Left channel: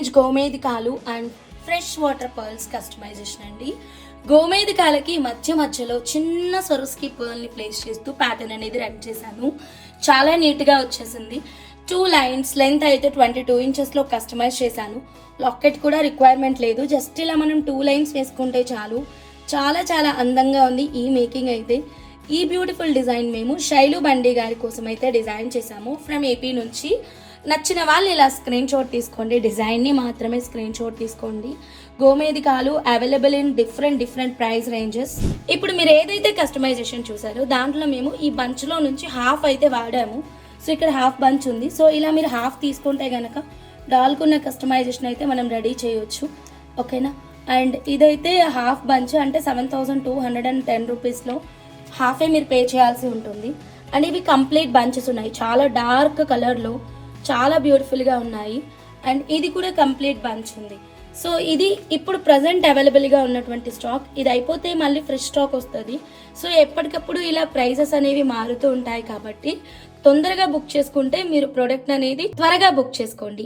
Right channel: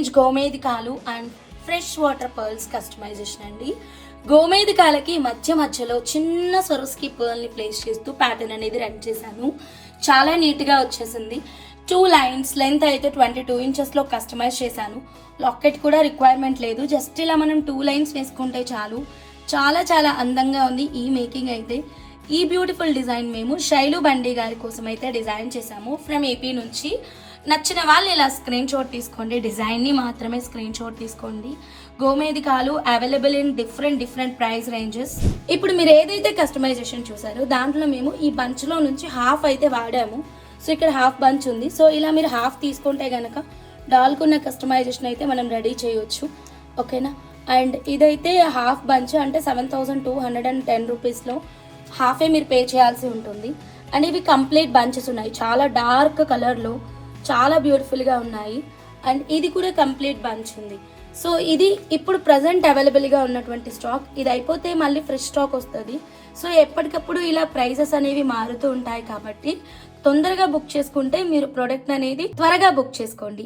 Range గోమేధికాలు and fresh water pearls customization అండి. గోమేధికాలకి మధ్యలో చిన్న సొరస్కి పర్ల్ని ప్లేస్ చేస్తూ ప్యాటర్న్ అనేది రెడీ చేశాను. చాలా నీట్గా వచ్చేసింది. 2 లైన్స్ లెంత్ అయితే 22 ఇంచెస్లో కస్టమైజ్ చేశాను. లాకెట్ కూడా రిక్వైర్మెంట్ లేదు, జస్ట్ ఇలా మనం 2 లైన్స్ వేసుకుంటే చాలు. చాలా చాలా అందంగా ఉంది ఈ మేకింగ్ అయితే. ఈ బ్యూటిఫుల్ డిజైన్ మేము శైలు బండి గారి కోసం అయితే డిజైన్ చేశాము ఫ్రమ్ ఏపీ నుంచి. నచ్చిన వాళ్ళు ఇలా స్క్రీన్ షాట్ తీసుకోండి, డిజైన్ని మాత్రమే స్క్రీన్ షాట్ తీసుకోండి. గోమేధికాలు available in different price ranges. ఇప్పుడు మీరు ఏదైతే కస్టమైజేషన్ చూసారో దాంట్లో మేము ఈ బంచ్లో నుంచి హాఫ్ అయితే వాడాము. సో ఇక్కడ హాఫ్ బంచ్ ఉంది. సో ఇలా మీరు హాఫ్ తీసుకుంటే కనుక డాల్కున్న కస్టమైజేషన్ అయితే మనం రెడీ చేయొచ్చు. ఓకేనా. అండ్ ఇదైతే హాఫ్ బంచ్ అంటే 7210 రూపీస్లో హాఫే మీరు పే చేయాల్సి ఉంటుంది. అండ్ ఇవి కంప్లీట్ బంచెస్ ఉన్నాయి, చాలా డార్క్ కలర్లో చాలా బ్యూటిఫుల్గా ఉన్నాయి. అండ్ ఇది కూడా కంప్లీట్ బంచ్ ఉంది. సో ఇది ఇప్పుడు ప్రజెంట్ అవైలబుల్గా ఉన్నటువంటి స్టాక్. ఇది అయిపోతే మళ్ళీ ఫ్రెష్ స్టాక్ వస్తుంది. సో ఎప్పటికప్పుడు ఇలా ప్రైజెస్ అనేవి మారుతూ ఉంటాయి కాబట్టి తొందరగా బుక్ చేసుకుంటే మీరు ప్రోడక్ట్ అనేది త్వరగా బుక్ చేసుకోండి.